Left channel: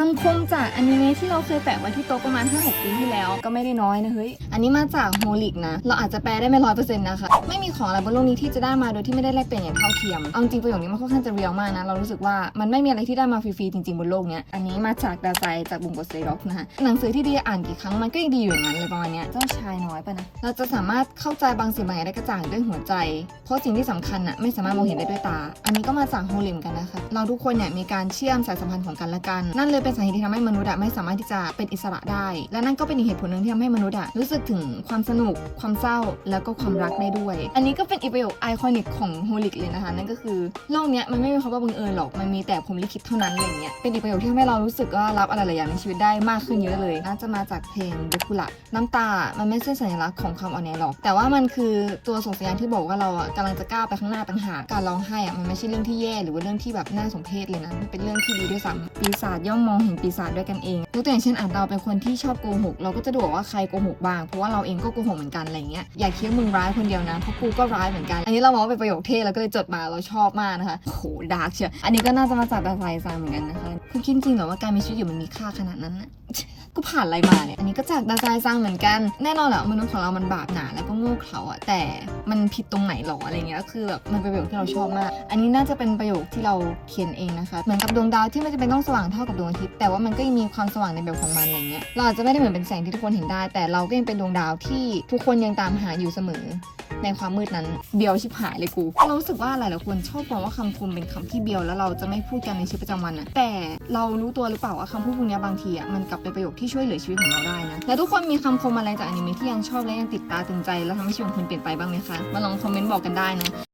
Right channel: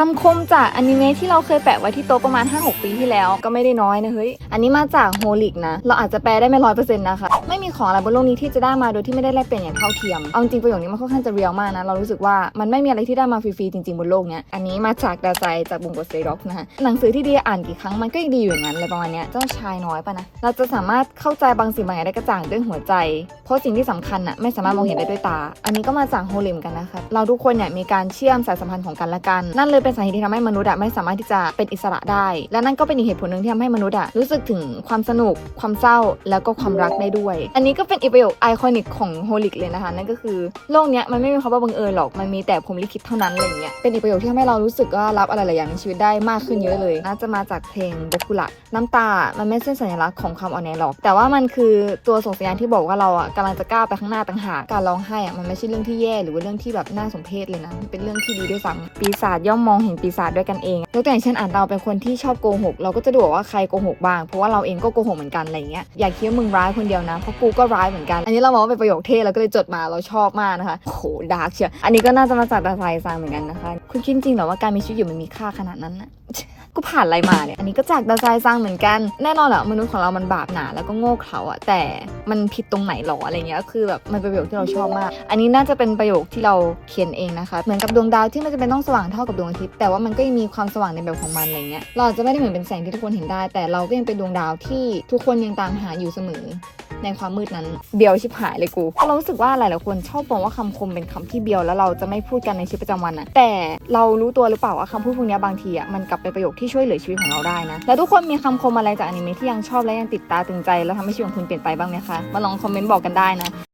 คำคมจากอนิเมะที่เราเคยแปะไว้ที่โต๊ะประมาณ 5-6 ปีที่แล้วก็ไม่ได้น้อยนะเฮ้ย อันนี้มาจากโฮลิกนะ เราอาจจะแปลได้ไม่ร้อยเปอร์เซ็นต์นะคะ ไม่มีของอะไรบนโลกนี้ที่จะได้มาโดยที่ไม่ได้แลกเปลี่ยนอย่างเท่าเทียม เอาจริงประโยคนี้มันค่อนข้างจะเรียลมากนะ เรารู้สึกว่ามันไม่มีอะไรที่ได้มาฟรีๆจริงๆบนโลกเนี้ย อันนี้มาจากดาไซจากบุงโกเซด็อกนะฮะหนังสือที่ดีอ่านกี่ครั้งมันก็ยังดีอยู่อย่างนั้นเลยประมาณเนี้ย เจ้าชายน้อยปะนะ เราจะสามารถเข้าใจบางสิ่งบางอย่างได้กระจ่างด้วยหัวใจ เพราะสิ่งที่สำคัญน่ะไม่สามารถมองเห็นได้ด้วยตา อันนี้ก็มาจากโฮลิมกันนะคะ เราทุกคนเนี่ยมีการเชื่อมสายสัมพันธ์ของกันและกันนั่นเลยเป็นสาเหตุที่ทำให้มนุษย์อะไม่สามารถที่จะเป็นอิสระได้ และนั่นก็เป็นอีกเหตุผลหนึ่งที่ทำให้มนุษย์อะรู้สึกถึงความสนุก ความเศร้าแล้วก็ความรักได้ด้วย อันนี้ก็เป็นอีกประโยคไอคอนิกของโฮลิกเลยนะคะนั่นก็คือโลกเนี้ยมันไม่มีคำว่าบังเอิญหรอกมันมีแต่พรหมลิขิตเท่านั้นอะไรอย่างเงี้ยเป็นอีกประโยคที่ทำให้เรารู้สึกว่ารับอะไรหลายอย่างในชีวิตได้มากขึ้นเยอะเลย น่าจะมาจากเพลงเดคุระน้ำตา มันไม่ใช่สัญลักษณ์ของความอ่อนแอหรอก แต่ว่ามันคือตัวส่งสัญญาณที่บอกว่าเราอะกำลังจะก้าวไปข้างหน้าต่างหากการร้องไห้อะมันไม่ใช่เรื่องที่แย่หรือว่าเรื่องที่แบบน่าสมเพชเลยนะเป็นเรื่องที่ดีด้วยซ้ำปีศาจย่อมมององเห็นปีศาจด้วยกันเองยกตัวอย่างเช่นอ่านเราเป็นคนที่ชอบโกหก เราก็จะดูว่าใครโกหกบ้าง เพราะว่าเราเองก็โกหกเหมือนกันอะไรเงี้ย อย่าคิดว่ามึงร้ายคนเดียวนะ เพราะกูก็ร้ายเหมือนกัน อันนี้เรามองว่าเป็นประโยคเท่เราก็เลยจดมา เราชอบมากนะคะ โหดาร์กเชียว อันนี้ก็น่าจะมาจากดาไซซางเหมือนกันนะคะ คุณคิดจริงเหรอว่าการมีชีวิตอยู่มันมีค่าขนาดนั้นนะกูผ่านอะไรมาเนี่ย อันนี้ก็จากดาไซซังเหมือนกัน แน่นอนแหละมนุษย์ของเรามันบาปหนาแล้วก็โง่เขลาอะแต่ มันผิดตรงไหนหรออะไรเงี้ยคือแบบมันเป็นประโยคที่เราชอบมาก อันนี้น่าจะเป็นประโยคที่เราเขียนเองนะคะเหมือนกับดวงดาวที่ไม่จำเป็นต้องสว่างเท่ากับดวงอาทิตย์แต่ว่ามันก็ยังมีความสว่างในแบบของมันอะไรเงี้ยเราอาจจะไม่ได้เหมือนเป็นแสงที่ทุกคนเห็นได้ แต่เราก็ยังเป็นดวงดาวที่ทุกคนยังตามหาอยู่เสมอในความมืดนั้นเบียวชิบหายเลยกูเรารู้สึกว่าหลายๆคนชอบมองว่าคำคมเป็นคำที่เบียวแล้วเราจะไม่พูดกันในชีวิตประจำวันนะแต่เรารู้ตัวหรือเปล่าว่าคำพูดพวกเนี้ยบางทีอะมันกลับเป็นประโยคที่ช่วยเหลือชีวิตของเราได้นะแล้วทุกคนมีคำคมอะไรจากอนิเมะที่ยังชอบและยังติดตาตึงใจแล้วทำให้ชีวิตของคุณเปลี่ยนไปบ้างไหมคะมาลองคอมเมนต์บอกกันได้นะ